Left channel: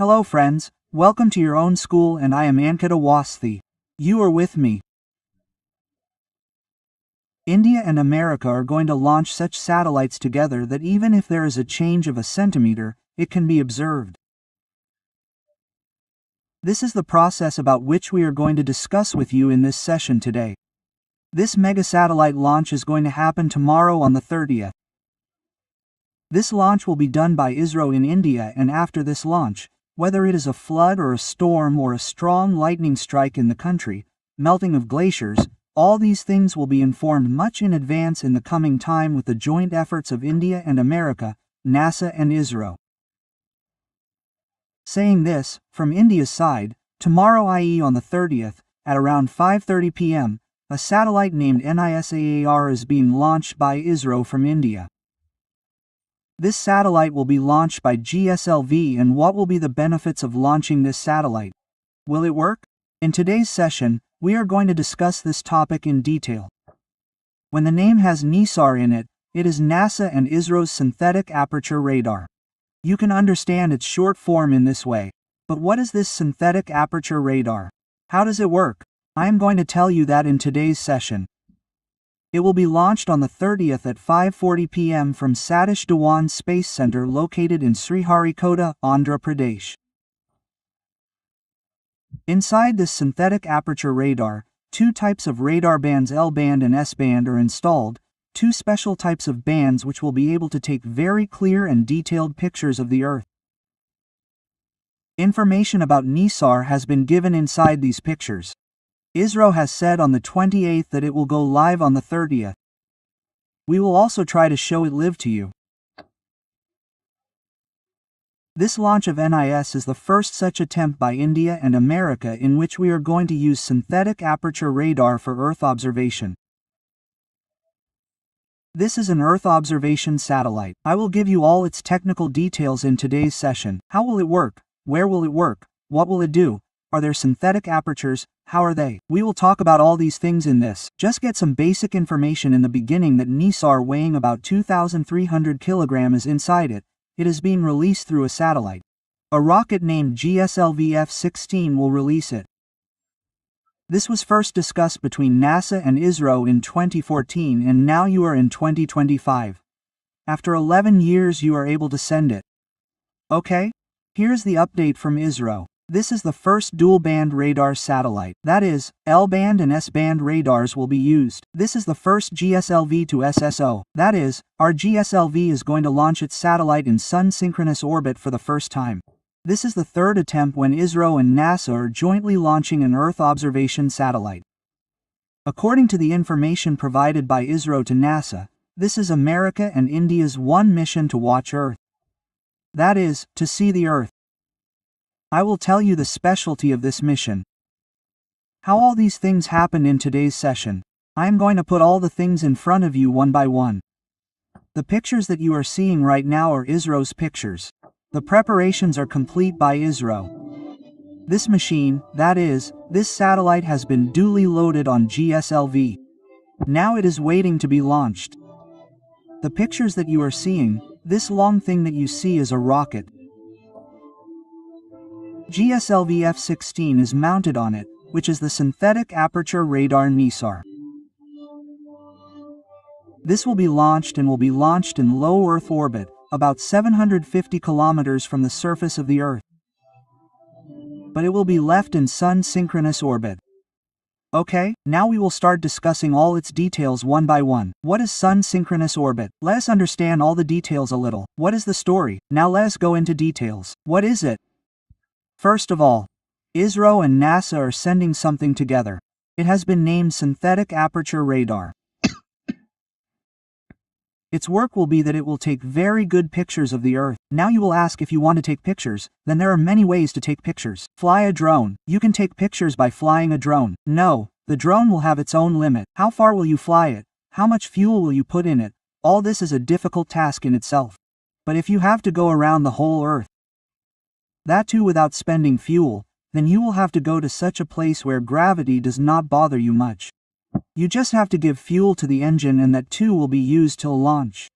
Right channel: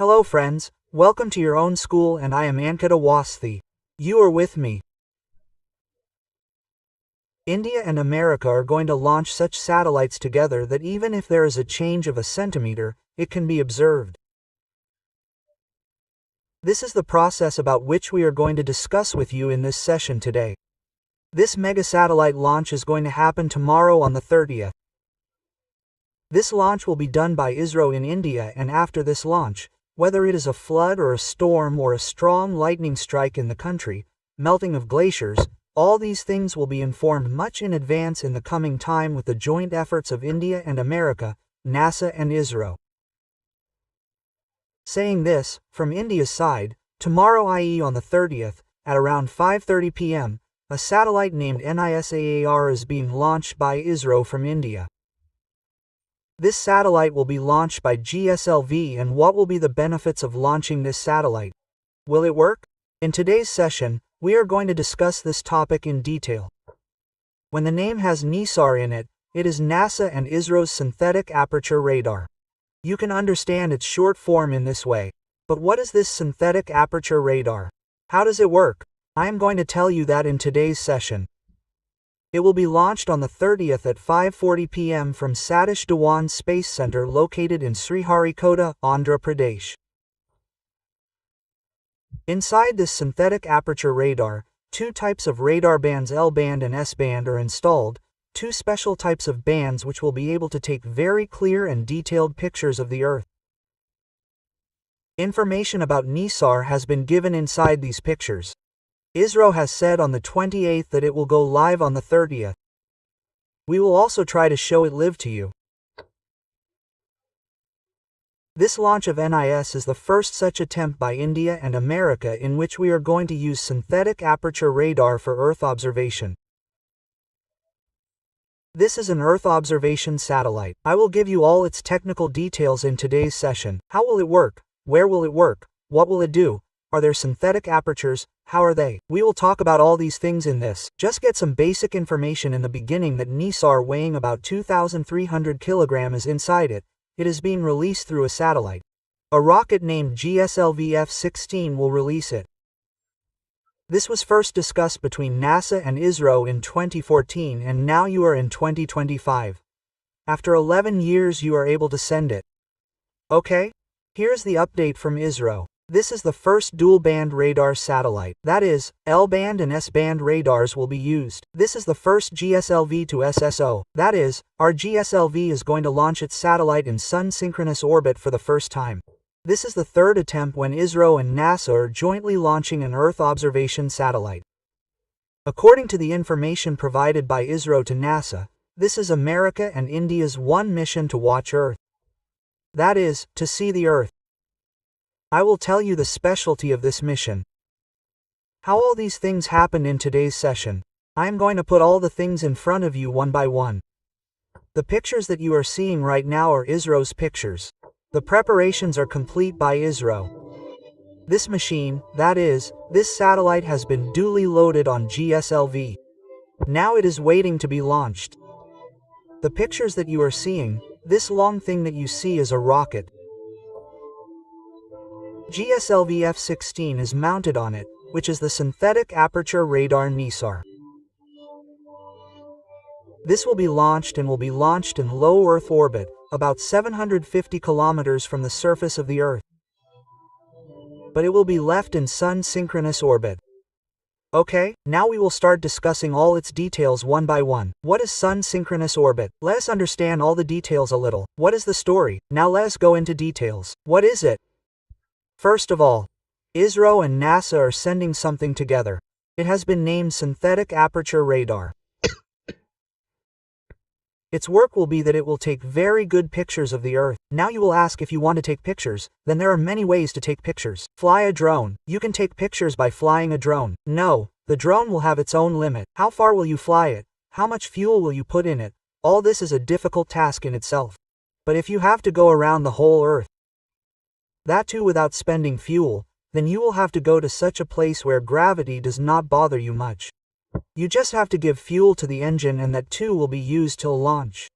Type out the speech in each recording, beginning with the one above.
Hello friends, welcome to your own school and I am Ankita Wasthi. You are with me. India and America are going to launch such satellites together that even if there is a change of a centimeter, it can be observed. This is the process about which we are going to discuss with you in this session today. This mega satellite launch is going to happen tomorrow on the 30th. This launch will be done by ISRO in India, and after this launch, whether it is a flood or a storm or a strong lightning strike in the country, melting of glaciers, all these things will be informed much in advance in the coming time with the joint efforts of India and America, NASA and ISRO. Saying this, from India's side, tomorrow, i.e. on the 30th, at around 5:30 p.m., a satellite named NISAR is being launched by ISRO from India. This satellite will be launched by GSLV, and what will be the benefits of launching this satellite? Will it work? In today's session, we are going to discuss this topic in detail. When the name has NISAR in it, it is NASA and ISRO's synthetic aperture radar. You can understand its short form in this way. But what is this synthetic aperture radar? How does it work? I am going to tell you that in today's session. It will be launched on the 30th at 5:40 p.m. from Satish Dhawan Space Center located in Sriharikota, Andhra Pradesh. Inside this synthetic aperture radar, two types of radar bands, L-band and S-band, are installed, two special types of bands which will be able to take very clear and detailed pictures of the Earth. Information about NISAR has been given inside these pictures. ISRO has said on the 28th that it will go live on the 30th. We will also try to show it live to you. This launch of NIS is the first such attempt by India and America in which we are going to use synthetic aperture radar for Earth observation. This is an Earth observation satellite. I will give you all its technical details in today's session. How will it work? Where will it work? What will it do? Are there synthetic apertures? How are they? We will talk about all these things in this. Just get some basic information in the beginning that NISAR, weighing about 2,300 kilograms, is inside it. It is being released through a satellite. A rocket named GSLV F-16 will release it. This was first discussed between NASA and ISRO in 2014, and now you are in 2025. After 11 years you are able to send it. Okay? Here's the update from ISRO. This is the first dual-band radar satellite. That is, L-band and S-band radars will be used. This is the first GSLV to SSO. That is, our GSLV is going to launch its satellite in sun-synchronous orbit for the first time. This is the third attempt when ISRO and NASA are jointly launching an Earth observation satellite. According to the information provided by ISRO to NASA, this is America and India's one mission to watch Earth. That is, to see the Earth. I will tell you the specialty of this mission. How all these things happened in today's session. I am going to put all the things in front of you one by one. The pictures that you are seeing right now are ISRO's pictures. The preparations are complete by ISRO. This machine, that is, this satellite, has been duly loaded on GSLV. Now it is waiting to be launched. The pictures that you are seeing, this long thing that you see, is a rocket. GSLV F-16 is mounted on it, which is the synthetic aperture radar NISAR. This will be launched and will be launched in low Earth orbit, about 750 kilometers from the surface of the Earth. But it will be left in sun-synchronous orbit. Okay, now we will start discussing all its details one by one. What is sun-synchronous orbit? Let us understand all the details a little. What is the story? Now let us go into details. What is it? First of all, ISRO and NASA are sending something together. It has been named synthetic aperture radar. Its work will be that it will take very good pictures of the Earth. Now you will ask, if you want to take pictures, then there are many ways to take pictures. Fly a drone. You can take pictures by flying a drone. No, the drone will have its own limit. How far will you fly it? How much fuel will you put in it? All this is a difficult task in itself. But if you have to go around the whole Earth, that too without spending fuel, then you will have to go to such a place where gravity does not bother you much. You just have to give fuel to the engine, and that too will be used till launch.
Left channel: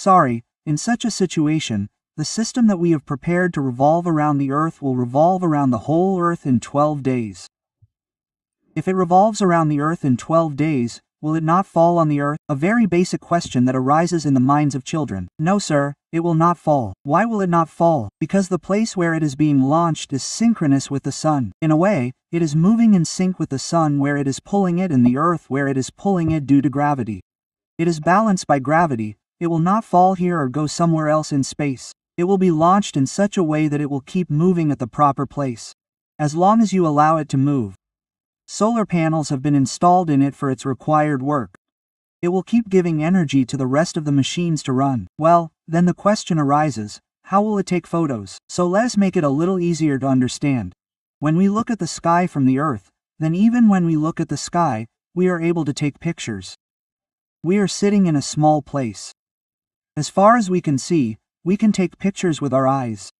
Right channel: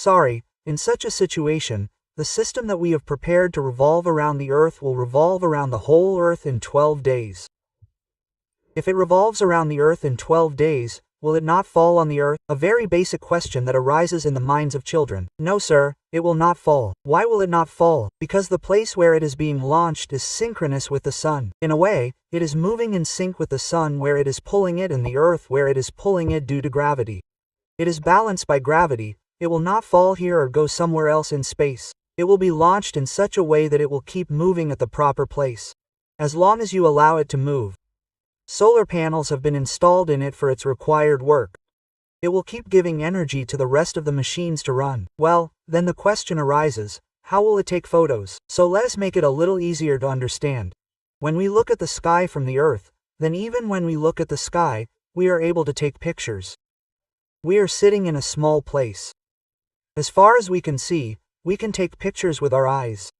Sorry, in such a situation, the system that we have prepared to revolve around the Earth will revolve around the whole Earth in 12 days. If it revolves around the Earth in 12 days, will it not fall on the Earth? A very basic question that arises in the minds of children. No sir, it will not fall. Why will it not fall? Because the place where it is being launched is synchronous with the Sun. In a way, it is moving in sync with the Sun where it is pulling it and the Earth where it is pulling it due to gravity. It is balanced by gravity. It will not fall here or go somewhere else in space. It will be launched in such a way that it will keep moving at the proper place. As long as you allow it to move. Solar panels have been installed in it for its required work. It will keep giving energy to the rest of the machines to run. Well, then the question arises, how will it take photos? So let us make it a little easier to understand. When we look at the sky from the Earth, then even when we look at the sky, we are able to take pictures. We are sitting in a small place. As far as we can see, we can take pictures with our eyes.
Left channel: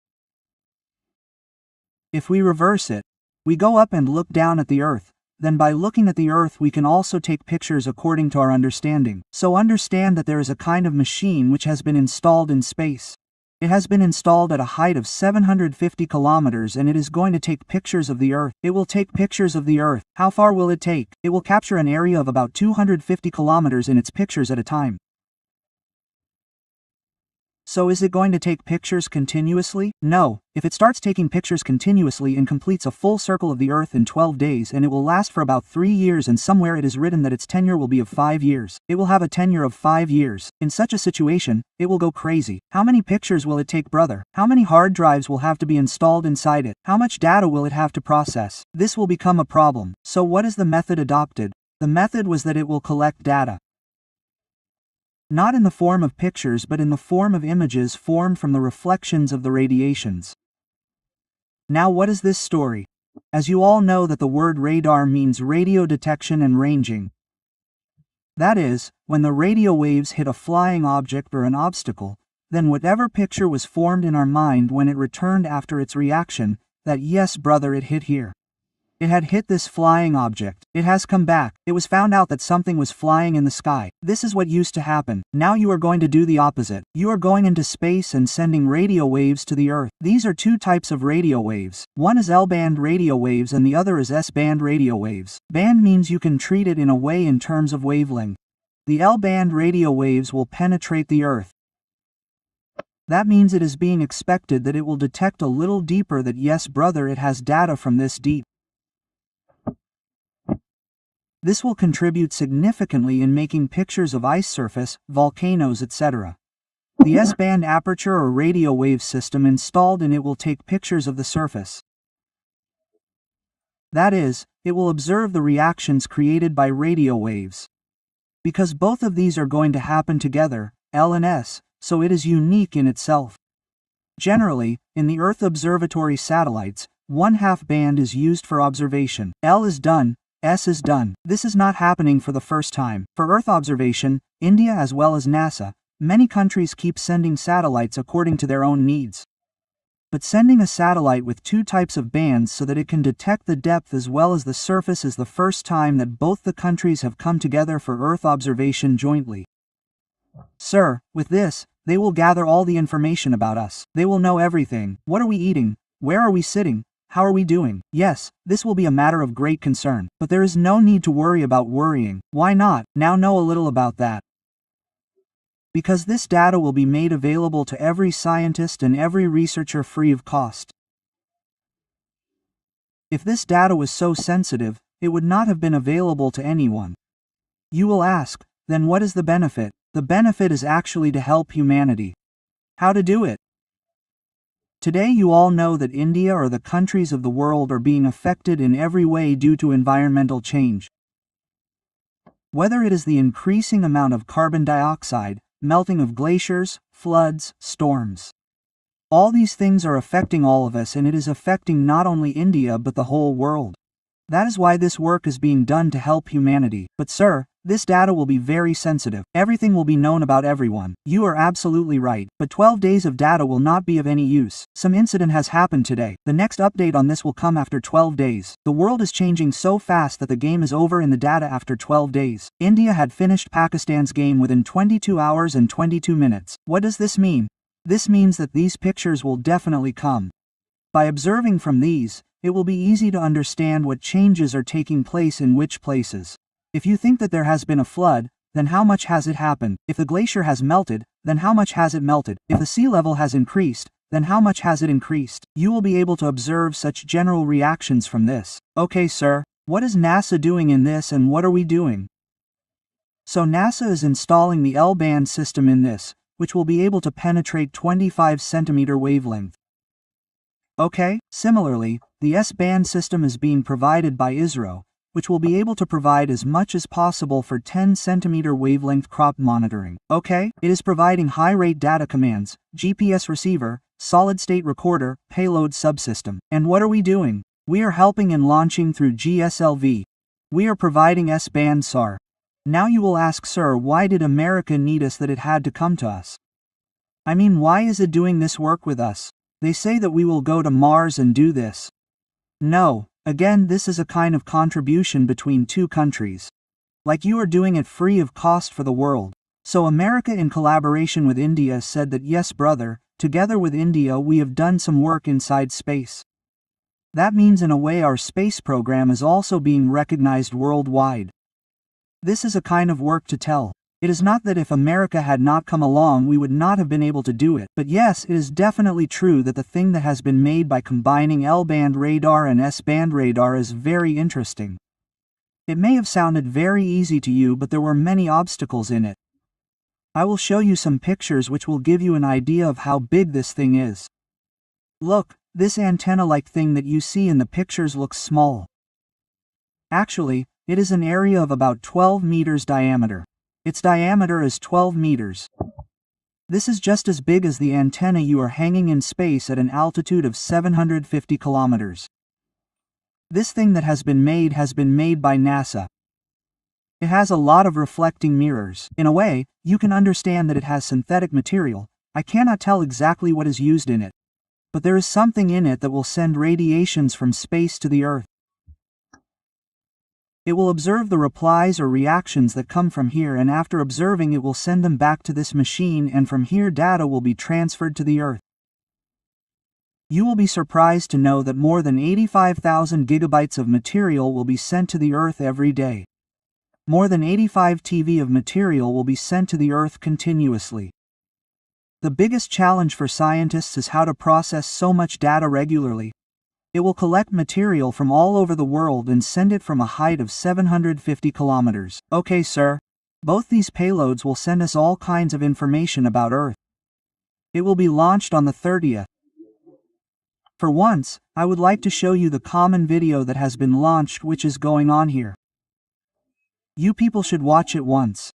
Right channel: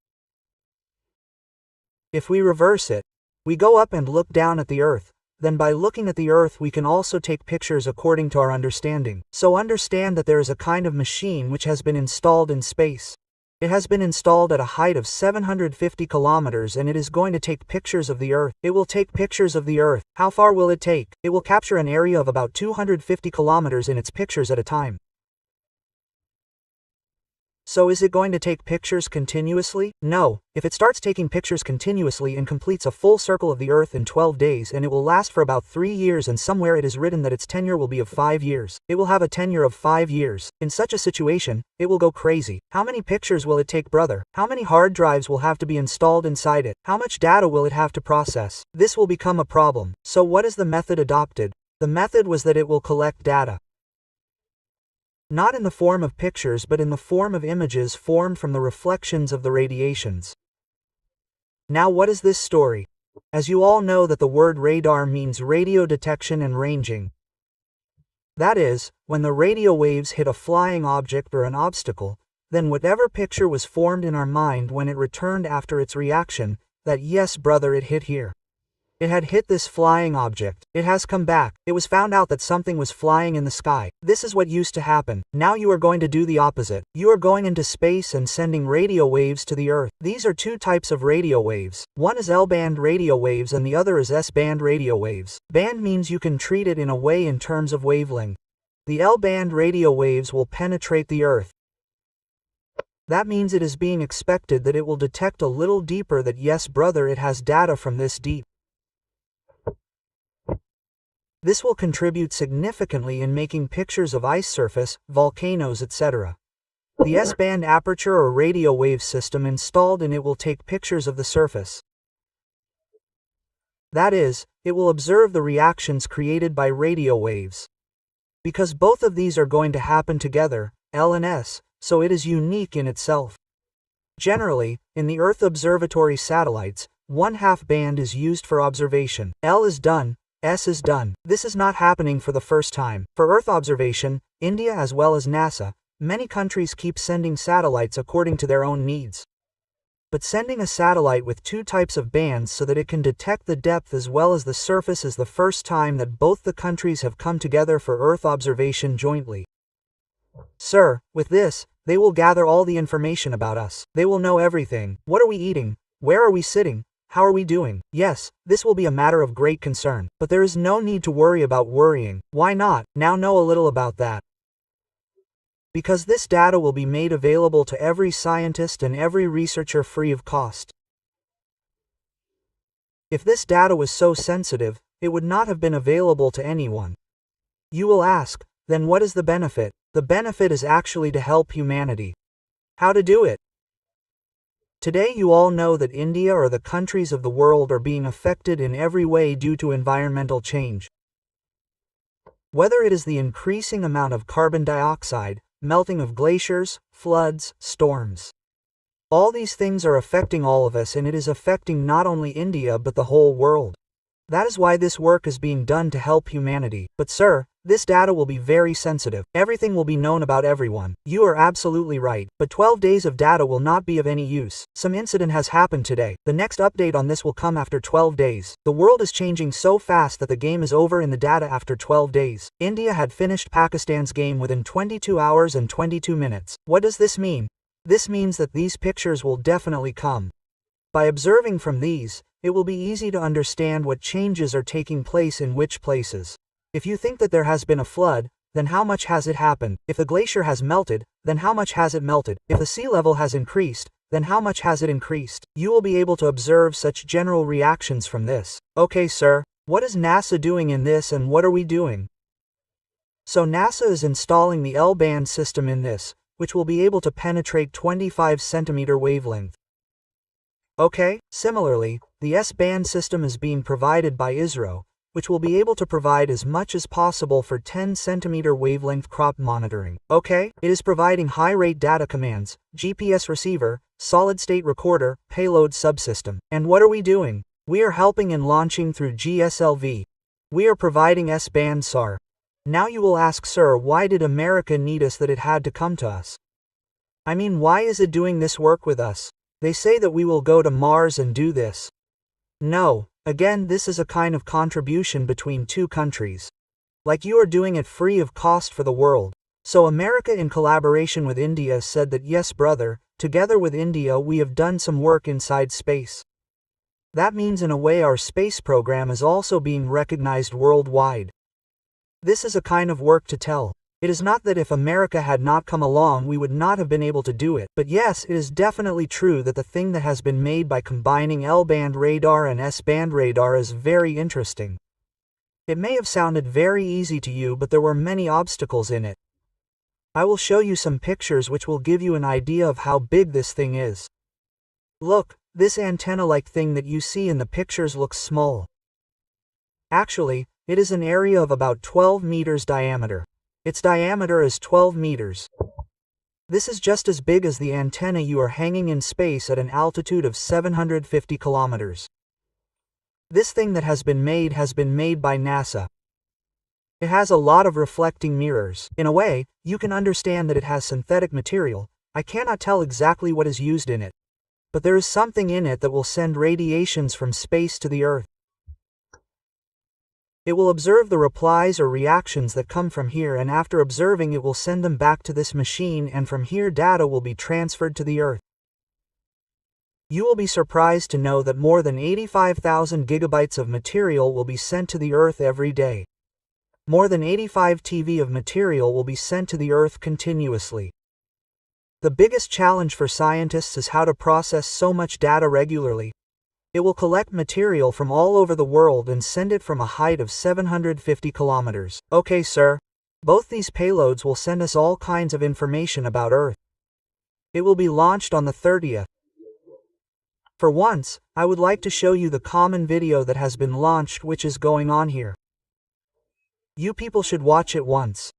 If we reverse it, we go up and look down at the Earth. Then by looking at the Earth we can also take pictures according to our understanding. So understand that there is a kind of machine which has been installed in space. It has been installed at a height of 750 kilometers and it is going to take pictures of the Earth. It will take pictures of the Earth. How far will it take? It will capture an area of about 250 kilometers in its pictures at a time. So is it going to take pictures continuously? No, if it starts taking pictures continuously and completes a full circle of the Earth in 12 days and it will last for about 3 years and somewhere it is written that its tenure will be of 5 years. It will have a tenure of 5 years. In such a situation, it will go crazy. How many pictures will it take, brother? How many hard drives will have to be installed inside it? How much data will it have to process? This will become a problem. So what is the method adopted? The method was that it will collect data. Not in the form of pictures but in the form of images formed from the reflections of the radiations. Now what is this story? As you all know that the word radar means radio detection and ranging. That is, when the radio waves hit a flying object or an obstacle, then whatever picture was formed in our mind when it returned after its reaction, that yes brother it hit here. It had hit this flying object. It has come back. It was found out that something was flying in the sky. This is what used to happen. Now you are going to do the opposite. You are going into space and sending radio waves to the Earth. These are two types of radio waves. One is L-band radio waves and the other is S-band radio waves. Band means you can treat it in a way in terms of wavelength. The L-band radio waves will penetrate the Earth. That means it is being expected that it will detect a little deeper that yes brother it has data from this deep. This will contribute significantly in making pictures of ice surface, volcanoes, etc. The S-band aperture or radio wave system installed in it will take pictures of the surface. That is, it will observe the reactions created by radio waves. Because both of these are going to happen together, L and S, so it is unique in itself. Generally, in the Earth observatory satellites, 1/2 band is used for observation. L is done. S is done. This is not happening for the first time. For Earth observation, India as well as NASA, many countries keep sending satellites according to their own needs. But sending a satellite with 2 types of bands so that it can detect the depth as well as the surface is the first time that both the countries have come together for Earth observation jointly. Sir, with this, they will gather all the information about us. They will know everything. What are we eating? Where are we sitting? How are we doing? Yes, this will be a matter of great concern, but there is no need to worry about worrying. Why not? Now know a little about that. Because this data will be made available to every scientist and every researcher free of cost. If this data was so sensitive, it would not have been available to anyone. You will ask, then what is the benefit? The benefit is actually to help humanity. How to do it? Today you all know that India or the countries of the world are being affected in every way due to environmental change. Whether it is the increasing amount of carbon dioxide, melting of glaciers, floods, storms. All these things are affecting all of us and it is affecting not only India but the whole world. That is why this work is being done to help humanity. But sir, This data will be very sensitive. Everything will be known about everyone. You are absolutely right. But 12 days of data will not be of any use. Some incident has happened today. The next update on this will come after 12 days. The world is changing so fast that the game is over in the data after 12 days. India had finished Pakistan's game within 22 hours and 22 minutes. What does this mean? This means that these pictures will definitely come. By observing from these, it will be easy to understand what changes are taking place in which places. If you think that there has been a flood, then how much has it happened? If the glacier has melted, then how much has it melted? If the sea level has increased, then how much has it increased? You will be able to observe such general reactions from this. Okay, sir, what is NASA doing in this and what are we doing? So NASA is installing the L-band system in this, which will be able to penetrate 25 centimeter wavelength. Okay, similarly, the S-band system is being provided by ISRO, which will be able to provide as much as possible for 10 centimeter wavelength crop monitoring. Okay, it is providing high-rate data commands, GPS receiver, solid-state recorder, payload subsystem. And what are we doing? We are helping in launching through GSLV. We are providing S-band NISAR. Now you will ask, sir, why did America need us that it had to come to us? I mean, why is it doing this work with us? They say that we will go to Mars and do this. No. Again, this is a kind of contribution between two countries. Like you are doing it free of cost for the world. So America in collaboration with India said that yes brother, together with India we have done some work inside space. That means in a way our space program is also being recognized worldwide. This is a kind of work to tell. It is not that if America had not come along we would not have been able to do it, but yes, it is definitely true that the thing that has been made by combining L-band radar and S-band radar is very interesting. It may have sounded very easy to you, but there were many obstacles in it. I will show you some pictures which will give you an idea of how big this thing is. Look, this antenna-like thing that you see in the pictures looks small. Actually, it is an area of about 12 meters diameter. Its diameter is 12 meters. This is just as big as the antenna you are hanging in space at an altitude of 750 kilometers. This thing that has been made by NASA. It has a lot of reflecting mirrors. In a way, you can understand that it has synthetic material. I cannot tell exactly what is used in it. But there is something in it that will send radiations from space to the Earth. It will observe the replies or reactions that come from here, and after observing it will send them back to this machine, and from here data will be transferred to the Earth. You will be surprised to know that more than 85,000 gigabytes of material will be sent to the Earth every day. More than 85 TB of material will be sent to the Earth continuously. The biggest challenge for scientists is how to process so much data regularly. It will collect material from all over the world and send it from a height of 750 kilometers. Okay, sir. Both these payloads will send us all kinds of information about Earth. It will be launched on the 30th. For once, I would like to show you the common video that has been launched which is going on here. You people should watch it once.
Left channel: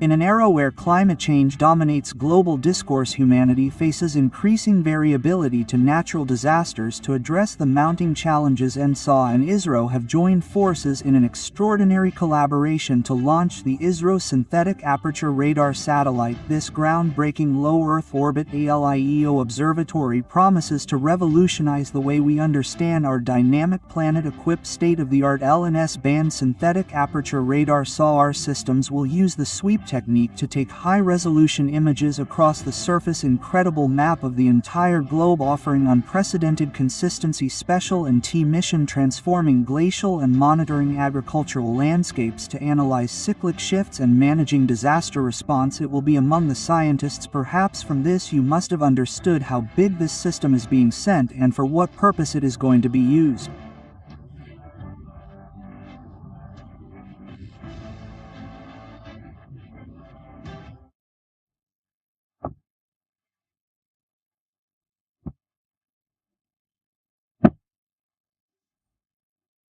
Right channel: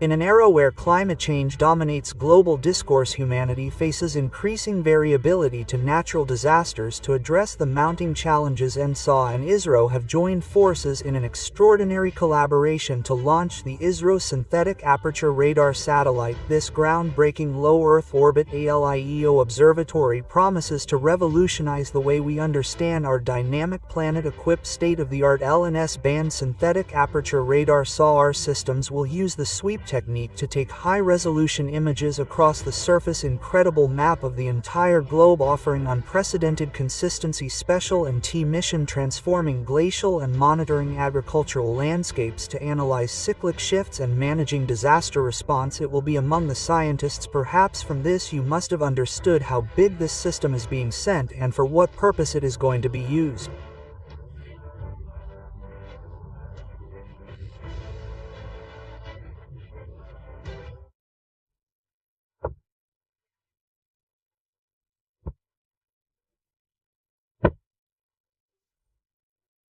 In an era where climate change dominates global discourse, humanity faces increasing variability to natural disasters. To address the mounting challenges, NISAR and ISRO have joined forces in an extraordinary collaboration to launch the ISRO Synthetic Aperture Radar Satellite. This groundbreaking low Earth orbit ALIEO observatory promises to revolutionize the way we understand our dynamic planet-equipped state-of-the-art L and S-band synthetic aperture radar SAR systems will use the sweep technique to take high-resolution images across the surface. Incredible map of the entire globe, offering unprecedented consistency. Special and T-mission transforming glacial and monitoring agricultural landscapes to analyze cyclic shifts and managing disaster response. It will be among the scientists. Perhaps from this you must have understood how big this system is being sent and for what purpose it is going to be used.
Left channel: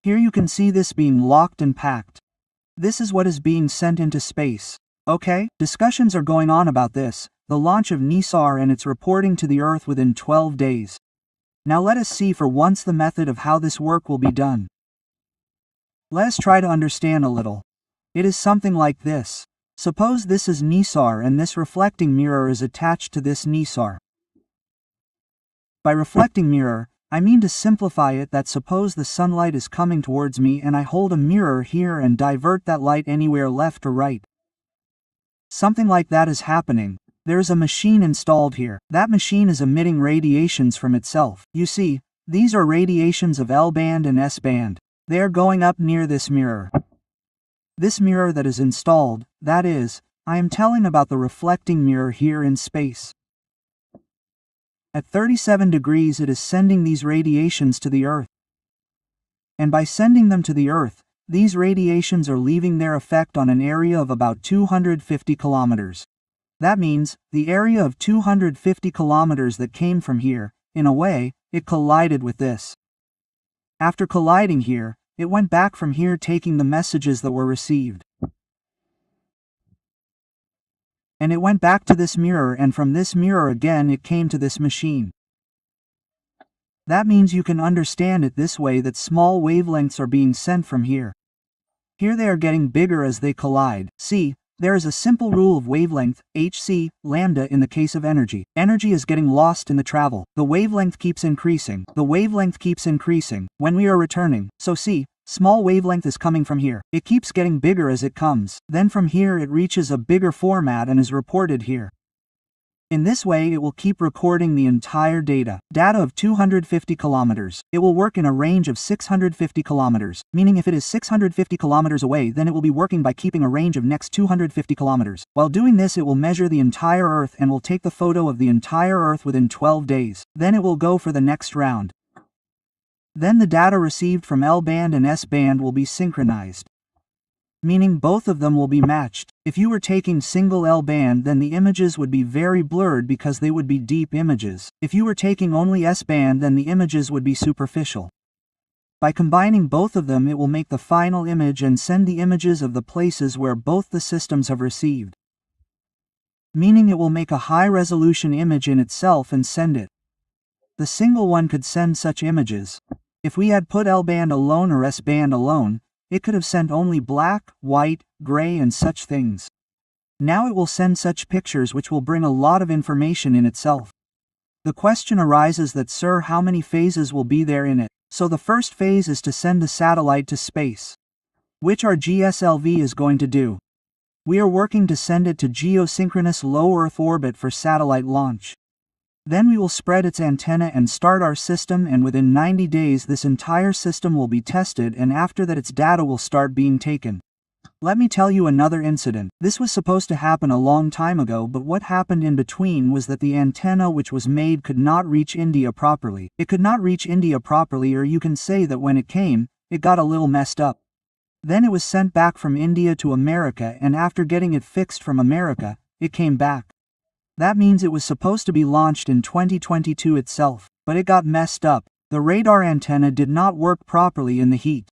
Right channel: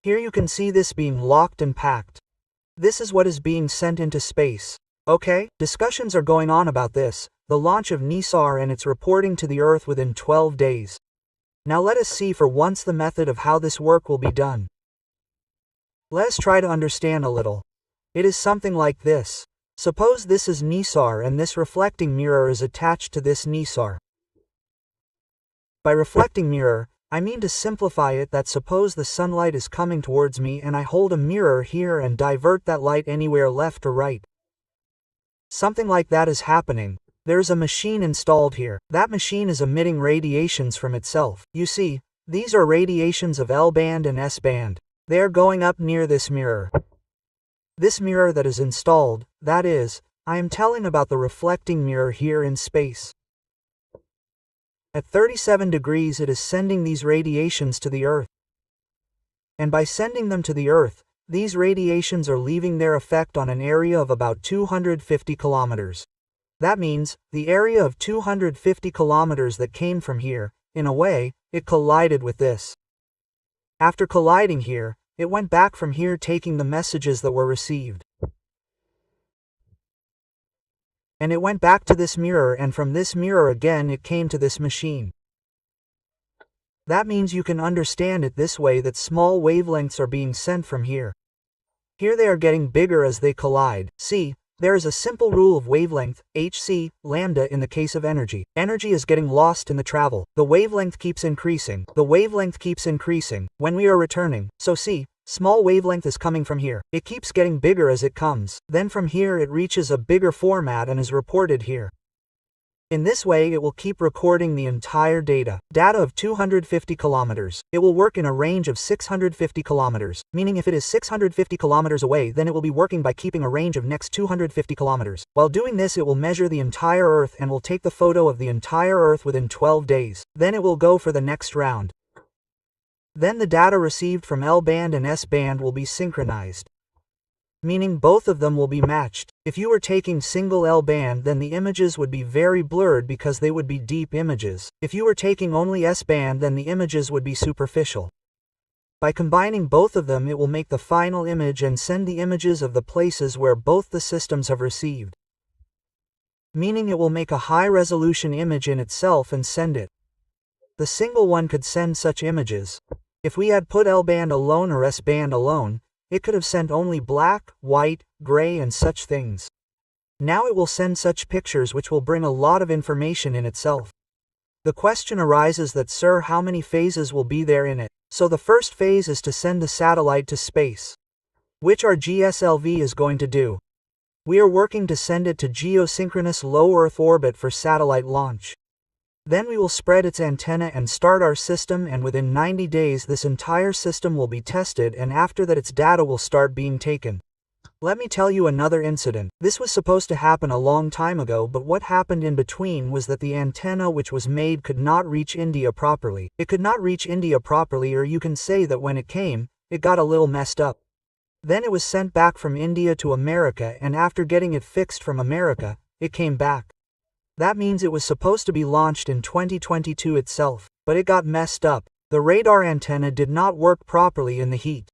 Here you can see this being locked and packed. This is what is being sent into space. Okay, discussions are going on about this, the launch of NISAR and its reporting to the Earth within 12 days. Now let us see for once the method of how this work will be done. Let us try to understand a little. It is something like this. Suppose this is NISAR and this reflecting mirror is attached to this NISAR. By reflecting mirror, I mean to simplify it that suppose the sunlight is coming towards me and I hold a mirror here and divert that light anywhere left or right. Something like that is happening. There is a machine installed here. That machine is emitting radiations from itself. You see, these are radiations of L-band and S-band. They are going up near this mirror. This mirror that is installed, that is, I am telling about the reflecting mirror here in space. At 37 degrees it is sending these radiations to the Earth. And by sending them to the Earth, these radiations are leaving their effect on an area of about 250 kilometers. That means, the area of 250 kilometers that came from here, in a way, it collided with this. After colliding here, it went back from here taking the messages that were received. And it went back to this mirror and from this mirror again it came to this machine. That means you can understand it this way that small wavelengths are being sent from here. Here they are getting bigger as they collide. See, there is a simple rule of wavelength, hc, lambda in the case of energy. Energy is getting lost in the travel. The wavelength keeps increasing. The wavelength keeps increasing when we are returning. So see, small wavelength is coming from here. It keeps getting bigger as it comes. Then from here it reaches a bigger format and is reported here. In this way it will keep recording the entire data of 250 kilometers. It will work in a range of 650 kilometers, meaning if it is 650 kilometers away then it will be working by keeping a range of next 250 kilometers. While doing this it will measure the entire Earth and will take the photo of the entire Earth within 12 days. Then it will go for the next round. Then the data received from L-band and S-band will be synchronized. Meaning both of them will be matched. If you were taking single L-band then the images would be very blurred because they would be deep images. If you were taking only S-band then the images would be superficial. By combining both of them it will make the final image and send the images of the places where both the systems have received. Meaning it will make a high-resolution image in itself and send it. The single one could send such images. If we had put L-band alone or S-band alone, it could have sent only black, white, gray and such things. Now it will send such pictures which will bring a lot of information in itself. The question arises that sir, how many phases will be there in it? So the first phase is to send the satellite to space, which our GSLV is going to do. We are working to send it to geosynchronous low Earth orbit for satellite launch. Then we will spread its antenna and start our system, and within 90 days this entire system will be tested, and after that its data will start being taken. Let me tell you another incident. This was supposed to happen a long time ago, but what happened in between was that the antenna which was made could not reach India properly. It could not reach India properly, or you can say that when it came, it got a little messed up. Then it was sent back from India to America, and after getting it fixed from America, it came back. That means it was supposed to be launched in 2022 itself, but it got messed up. The radar antenna did not work properly in the heat.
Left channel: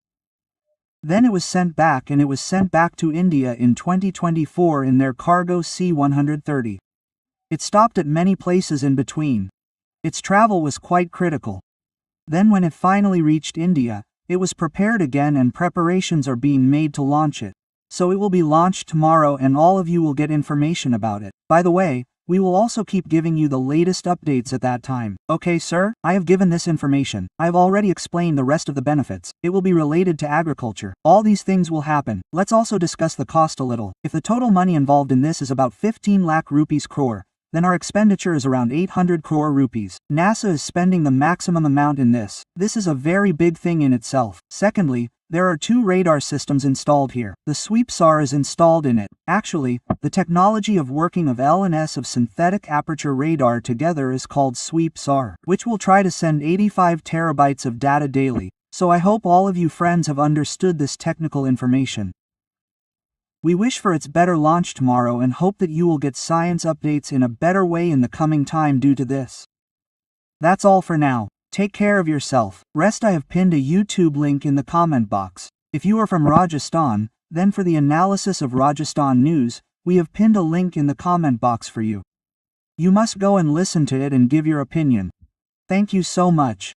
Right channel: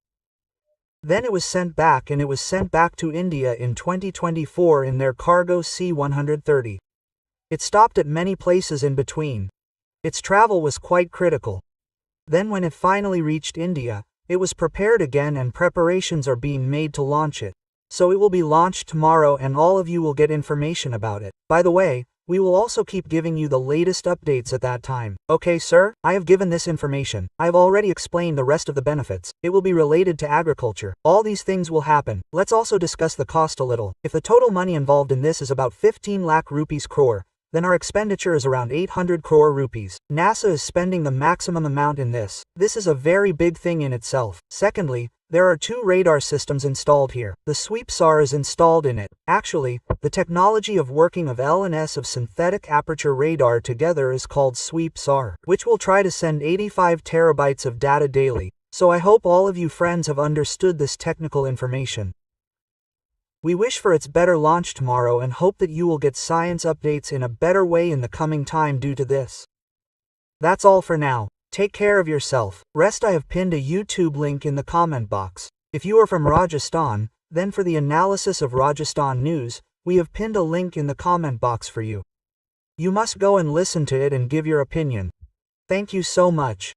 Then it was sent back, and it was sent back to India in 2024 in their cargo C-130. It stopped at many places in between. Its travel was quite critical. Then when it finally reached India, it was prepared again and preparations are being made to launch it. So it will be launched tomorrow and all of you will get information about it. By the way, we will also keep giving you the latest updates at that time. Okay sir, I have given this information. I have already explained the rest of the benefits. It will be related to agriculture. All these things will happen. Let's also discuss the cost a little. If the total money involved in this is about 15 lakh rupees crore, then our expenditure is around 800 crore rupees. NASA is spending the maximum amount in this. This is a very big thing in itself. Secondly, there are 2 radar systems installed here. The sweep SAR is installed in it. Actually, the technology of working of L and S of synthetic aperture radar together is called sweep SAR, which will try to send 85 terabytes of data daily. So I hope all of you friends have understood this technical information. We wish for its better launch tomorrow and hope that you will get science updates in a better way in the coming time due to this. That's all for now. Take care of yourself. Rest. I have pinned a YouTube link in the comment box. If you are from Rajasthan, then for the analysis of Rajasthan news, we have pinned a link in the comment box for you. You must go and listen to it and give your opinion. Thank you so much.